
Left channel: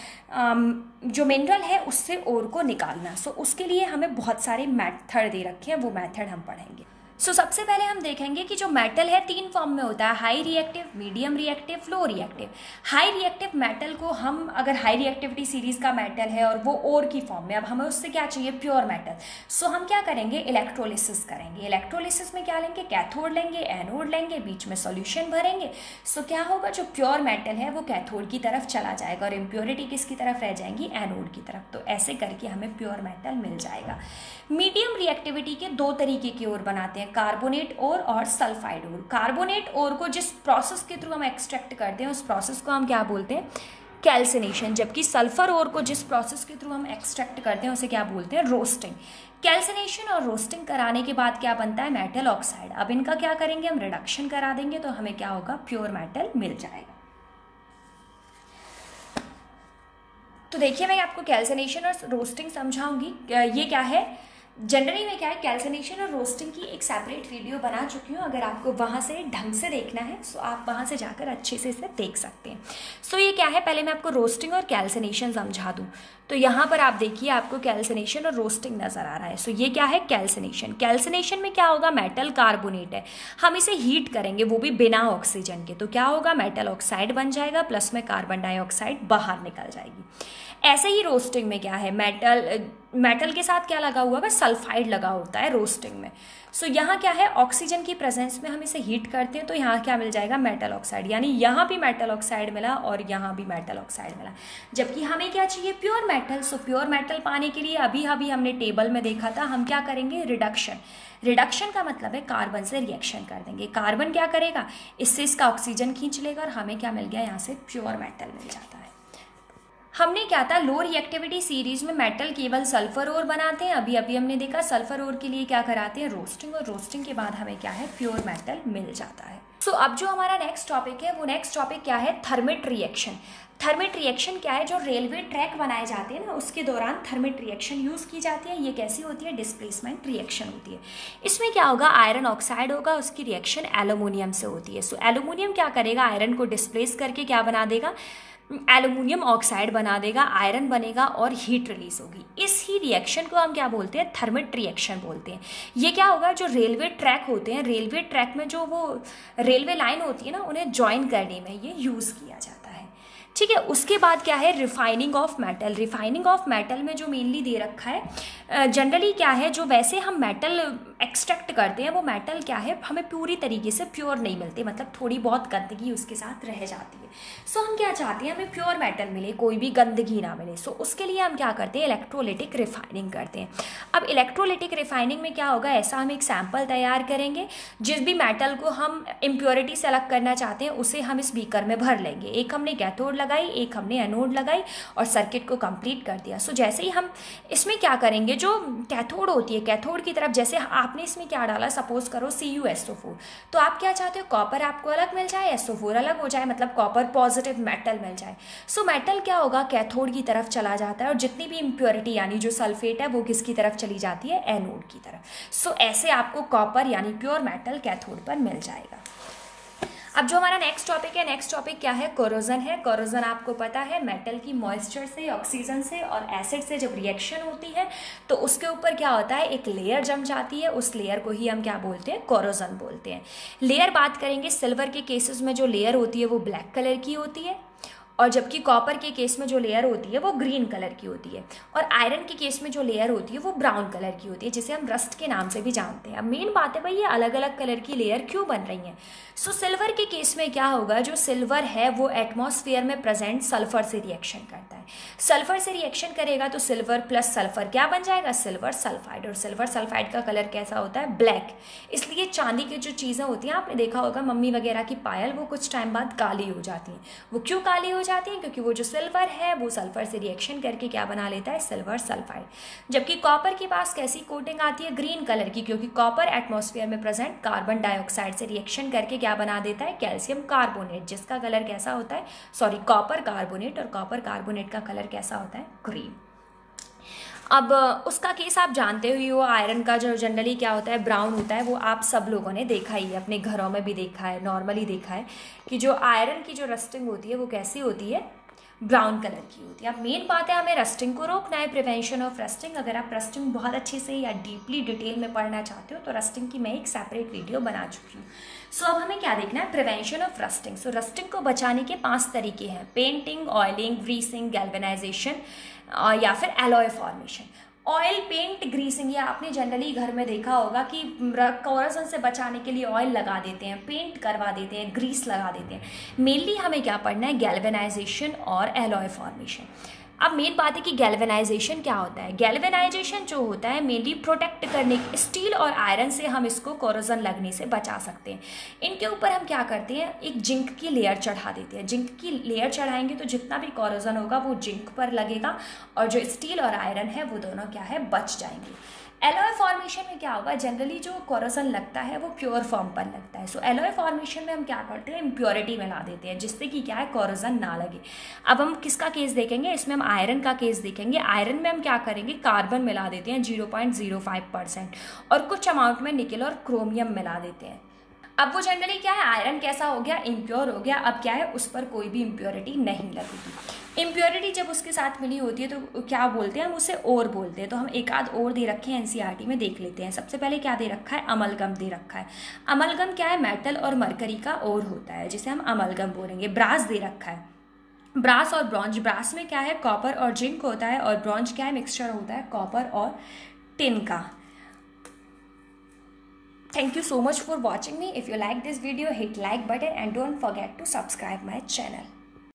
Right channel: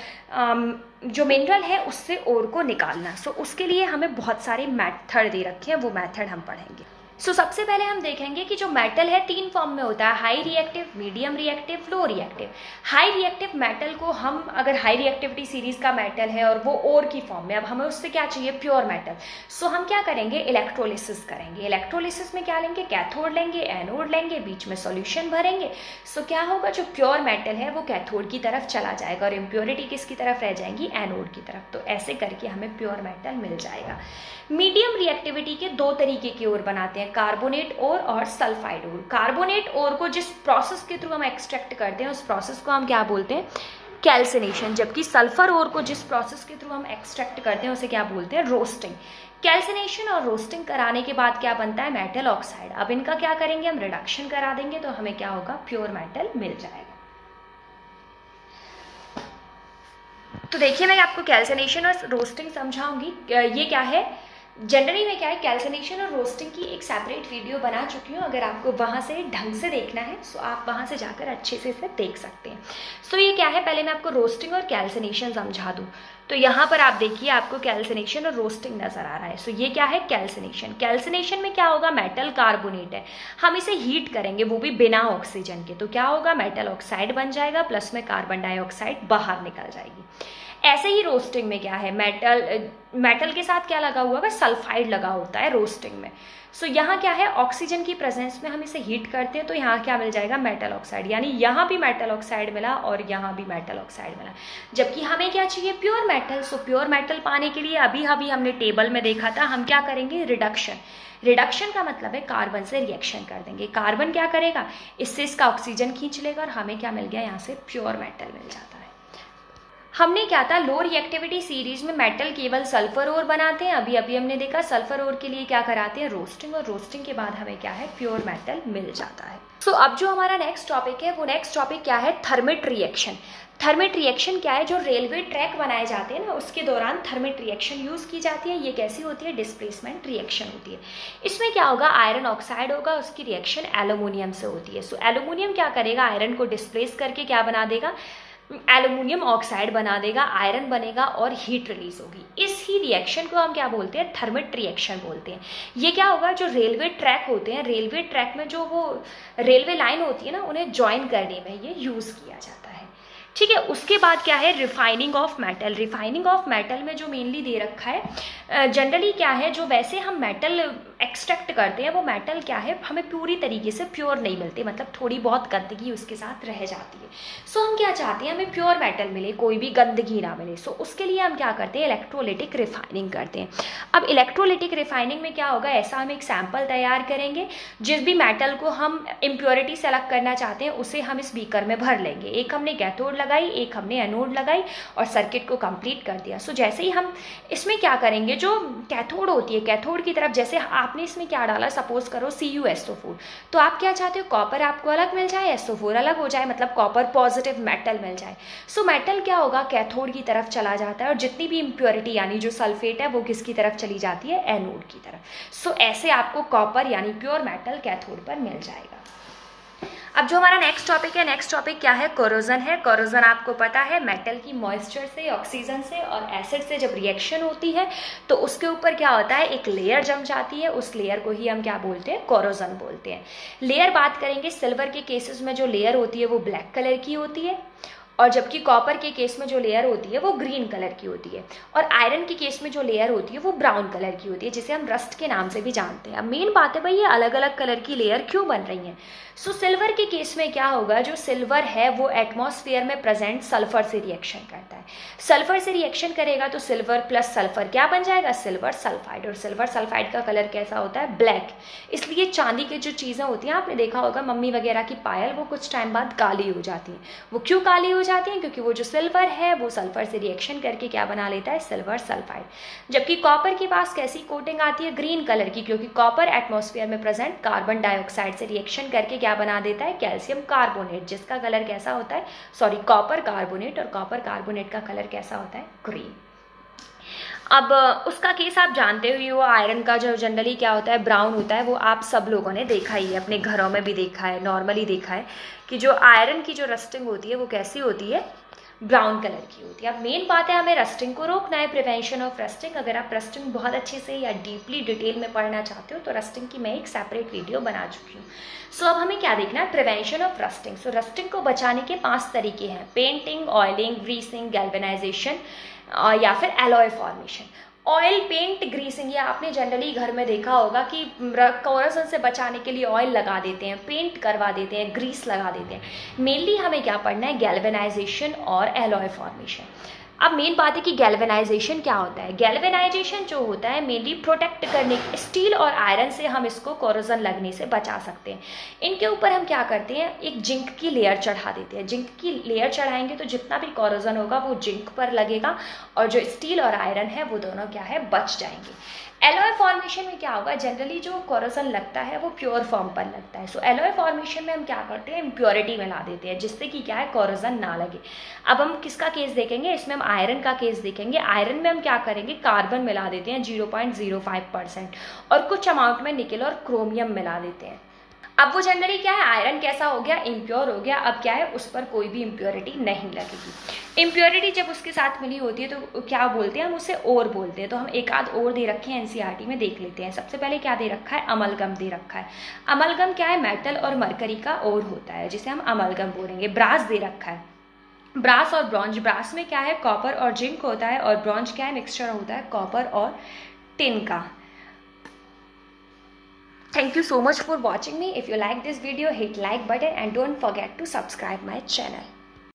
जो मिनरल है उससे ओर को निकालना। सो उसके लिए हमें बहुत सारे मेथड दे रखे हैं, वो मेथड हम पढ़ेंगे। सो सबसे पहले हम देखेंगे कि जो मेटल है 3 फॉर्म में होता है, high reactive, medium reactive, low reactive. High reactive metal को हम, अगर हाई रिएक्टिविटी सीरीज का मेटल है और वो ओर की फॉर्म में, अब हमें उससे क्या चाहिए, प्योर मेटल। सो हम क्या करेंगे, इलेक्ट्रोलिसिस करेंगे। इलेक्ट्रोलिसिस में क्या लेंगे, कैथोड लेंगे, एनोड लेंगे, बीच में सॉल्यूशन भरेंगे। सो क्या होगा, जो प्योर मेटल है वो कैथोड की तरफ चला जाएगा और इम्प्योरिटी किसकी तरफ रह जाएंगी, एनोड की तरफ। तो ऐसे करके हमें प्योर मेटल मिल जाएगा। मीडियम रिएक्टिविटी के 2 तरीके की ओर बनाते हैं, कार्बोनेट ओर और सल्फाइड ओर। कार्बोनेट ओर को जिस प्रोसेस के थ्रू हम एक्सट्रैक्ट करते हैं, उस प्रोसेस को हम क्या बोलते हैं, कैल्सिनेशन। जबकि सल्फर ओर को जिस प्रोसेस के थ्रू हम एक्सट्रैक्ट करते हैं, उसे क्या बोलते हैं, रोस्टिंग। कैल्सिनेशन और रोस्टिंग कराने के बाद क्या बनता है, मेटल ऑक्साइड। अब इनका क्या करेंगे, हम रिडक्शन करा देंगे, तो हमें क्या होगा, प्योर मेटल मिल जाएगा। तो देखिए मैं आपको कैल्सिनेशन और रोस्टिंग समझाऊंगी। ये क्या है, जनरली मैं क्या है कैल्सिनेशन और रोस्टिंग की एक सेपरेट वीडियो बना चुकी हूँ, अगर आपको वहाँ से ढंग से देखना है सो आप वहाँ से जाकर अच्छे से इसे देख सकते हैं। सो ये क्या है, पहले मैं आपको रोस्टिंग और कैल्सिनेशन समझा दूँ। तो यहाँ पर आप देखिए आपको कैल्सिनेशन और रोस्टिंग नज़र आ रहा है। सो ये क्या है कैल्सिनेशन। कैल्सिनेशन में क्या होगा, मेटल कार्बोनेट है, हम इसे हीट करेंगे वो भी बिना ऑक्सीजन के, तो क्या होगा मेटल ऑक्साइड बन जाएगा, प्लस में कार्बन डाइऑक्साइड बाहर निकल जाएगी। ऐसे ही रोस्टिंग में क्या है, मेटल के साथ क्या लगा हुआ है, सल्फाइड लगा होता है रोस्टिंग में। सो यहाँ क्या है, ऑक्सीजन की प्रेजेंस में हम इसे हीट करते हैं तो यहाँ क्या मिल जाएगा, मेटल ऑक्साइड, यानी यहाँ भी मेटल ऑक्साइड मिला और यहाँ भी मेटल ऑक्साइड मिला। जबकि हमें क्या चाहिए, pure metal. So pure metal पाने के लिए अभी हमने टेबल में देखा था, हम क्या करेंगे, रिडक्शन। रिडक्शन का मतलब है कार्बन से रिएक्शन कर देंगे। कार्बन क्या करेगा, इससे इसका ऑक्सीजन खींच लेगा और हमें क्या मिल गया, यहाँ से प्योर मेटल मिल जाता है। हमने क्या था, लो रिएक्टिविटी सीरीज में मेटल केवल सल्फर ओर बनाते हैं, अभी हमने देखा सल्फर ओर के लिए क्या कराते हैं, रोस्टिंग, और रोस्टिंग के बाद हमें क्या है, प्योर मेटल मिल जाता है। सो अब जो हमारा नेक्स्ट टॉपिक है, वो नेक्स्ट टॉपिक क्या है, थर्मिट रिएक्शन। थर्मिट रिएक्शन क्या है, जो रेलवे ट्रैक बनाए जाते हैं ना उसके दौरान थर्मिट रिएक्शन यूज़ की जाती है। ये कैसी होती है, डिस्प्लेसमेंट रिएक्शन होती है। इसमें क्या होगा, आयरन ऑक्साइड होगा, उसकी रिएक्शन एल्यूमिनियम से होती है। सो एल्यूमिनियम क्या करेगा, आयरन को डिस्प्लेस करके क्या बना देगा, एल्यूमिनियम ऑक्साइड बना देगा, आयरन बनेगा और हीट रिलीज होगी। इस ही रिएक्शन को हम क्या बोलते हैं, थर्मिट रिएक्शन बोलते हैं। ये क्या होगा, जो रेलवे ट्रैक होते हैं, रेलवे ट्रैक में जो वो रेलवे लाइन होती है ना, उन्हें ज्वाइन करने में ये यूज़ किया जाता है। ठीक है, उसके बाद क्या है, refining of metal. Refining of metal में जो मेनली दे रखा है, जनरली क्या है, जो वैसे हम मेटल एक्सट्रैक्ट करते हैं वो मेटल क्या है, हमें पूरी तरीके से प्योर नहीं मिलते, मतलब थोड़ी बहुत गंदगी उसके साथ रह जाती है। सो हम क्या चाहते हैं, हमें प्योर मेटल मिले, कोई भी गंदगी ना मिले। सो उसके लिए हम क्या करते हैं, इलेक्ट्रोलिटिक रिफाइनिंग करते हैं। अब इलेक्ट्रोलिटिक रिफाइनिंग में क्या होगा, ऐसा हम एक सैंपल तैयार करेंगे, जिस भी मेटल को हम इम्प्योरिटी से अलग करना चाहते हैं उसे हम इस बीकर में भर लेंगे। एक हमने कैथोड लगाई, एक हमने एनोड लगाई और सर्किट को कंप्लीट कर दिया। सो जैसे ही हम इसमें क्या करेंगे, जो कैथोड होती है, कैथोड की तरफ जैसे आपने इसमें क्या डाला, सपोज करो CuSO4, तो आप क्या चाहते हो, कॉपर आपको अलग मिल जाए, SO4 अलग हो जाए, मतलब कॉपर पॉजिटिव मेटल मिल जाए। सो मेटल क्या होगा, कैथोड की तरफ चला जाता है और जितनी भी इम्प्योरिटी यानी जो सल्फेट है वो किसकी तरफ चली जाती है, एनोड की तरफ। सो ऐसे आपको कॉपर यानी प्योर मेटल कैथोड पर मिल जाएगा। अब जो हमारा नेक्स्ट टॉपिक है, नेक्स्ट टॉपिक क्या है, कोरोजन है। कोरोजन आपको पता है, मेटल की मॉइस्चर से, ऑक्सीजन से और एसिड से जब रिएक्शन होती है तो उसके ऊपर क्या होता है, एक लेयर जम जाती है, उस लेयर को ही हम क्या बोलते हैं, कोरोजन बोलते हैं। लेयर बात करेंगे, सिल्वर के केसेस में जो लेयर होती है वो ब्लैक कलर की होती है, और जबकि कॉपर के केस में जो लेयर होती है वो ग्रीन कलर की होती है, और आयरन के केस में जो लेयर होती है वो ब्राउन कलर की होती है, जिसे हम रस्ट के नाम से भी जानते हैं। अब मेन बात है भाई, ये अलग अलग कलर की लेयर क्यों बन रही हैं। सो सिल्वर के केस में क्या होगा, जो सिल्वर है वो एटमॉस्फेयर में प्रेजेंट सल्फर से रिएक्शन करता है। सल्फर से रिएक्शन करेगा तो सिल्वर प्लस सल्फर क्या बन जाएगा, सिल्वर सल्फाइड, और सिल्वर सल्फाइड का कलर कैसा होता है, ब्लैक। इसलिए चांदी की जो चीज़ें होती हैं, आपने देखा होगा मम्मी वगैरह की पायल, वो कुछ टाइम बाद काली हो जाती हैं। वो क्यों काली हो जाती हैं, क्योंकि वो जो सिल्वर है वो सल्फर से रिएक्शन करके क्या बना लेता है, सिल्वर सल्फाइड। जबकि कॉपर के पास कैसी कोटिंग आती है, ग्रीन कलर की, क्योंकि कॉपर एटमॉस्फेयर में प्रेजेंट कार्बन डाइऑक्साइड से रिएक्शन करके क्या बना देता है, कैल्शियम कार्बोनेट, जिसका कलर कैसा होता है, सॉरी कॉपर कार्बोनेट, और कॉपर कार्बोनेट का कलर कैसा होता है, ग्रीन। अब उसका केस आप जानते ही हो, आयरन का जो जनरली क्या होता है, ब्राउन होता है, वो आप सब लोगों ने देखा ही है, अपने घरों में भी देखा है, नॉर्मली देखा है कि जो आयरन की जो रस्टिंग होती है वो कैसी होती है, ब्राउन कलर की होती है। अब मेन बात है, हमें रस्टिंग को रोकना है, प्रिवेंशन ऑफ रस्टिंग। अगर आप रस्टिंग बहुत अच्छे से या डीपली डिटेल में पढ़ना चाहते हो तो रस्टिंग की मैं एक सेपरेट वीडियो बना चुकी हूँ। सो अब हमें क्या देखना है, prevention of rusting. So rusting को बचाने के 5 तरीके हैं, पेंटिंग, ऑयलिंग, ग्रीसिंग, गैल्वेनाइजेशन या फिर alloy formation. Oil paint greasing, ये आपने जनरली घर में देखा होगा कि कोरोजन से बचाने के लिए ऑयल लगा देते हैं, पेंट करवा देते हैं, ग्रीस लगा देते हैं। मेनली हमें क्या पढ़ना है, गैल्वेनाइजेशन और एलॉय फॉर्मेशन। अब मेन बात है कि गैल्वेनाइजेशन क्या होता है। गैल्वेनाइजेशन जो होता है मेनली प्रोटेक्ट करने, स्टील और आयरन से हम इसको कोरोजन लगने से बचा सकते हैं। इनके ऊपर हम क्या करते हैं, एक जिंक की लेयर चढ़ा देते हैं। जिंक की लेयर चढ़ाएंगे तो जितना भी कोरोजन होगा वो जिंक पर लगेगा और जो स्टील और आयरन है वो दोनों क्या है, बच जाएंगे। एलॉय फॉर्मेशन में क्या होगा, जनरली जो कोरोजन लगता है वो प्योर फॉर्म पर लगता है। सो एलॉय फॉर्मेशन में हम क्या करते हैं, इम्प्योरिटी मिला देते हैं जिससे कि क्या है, कोरोजन ना लगे। अब हम किसका केस देखेंगे, इसमें हम आयरन का केस देखेंगे। आयरन में हम क्या करेंगे, कार्बन मिला देते हैं 0.05% और कुछ अमाउंट में निकल और क्रोमियम मिला देते हैं। अब वो जनरली क्या है, आयरन कैसा हो गया, इम्प्योर हो गया। अब क्या है, उस पर कोई भी इम्प्योरिटी नहीं लगेगी। इम्प्योरिटी जब उसके साथ मिली होती है तो क्या बोलते हैं हम, उसे ओर बोलते हैं। तो हम एक आध और दे रखे हैं एनसीईआरटी में, देख लेते हैं। सबसे पहले क्या दे रखा है, अमलगम दे रखा है। अमलगम क्या है, मेटल और मरकरी का ओर होता है जिसे हम अमलगम बोलेंगे। ब्रास दे रखा है, ब्रास और ब्रॉन्ज। ब्रास में क्या है, कॉपर और जिंक होता है, और ब्रॉन्ज क्या है, मिक्सचर होता है कॉपर और टिन का। Thank you so much for watching me. If you like this video, hit like button and don't forget to subscribe my channel.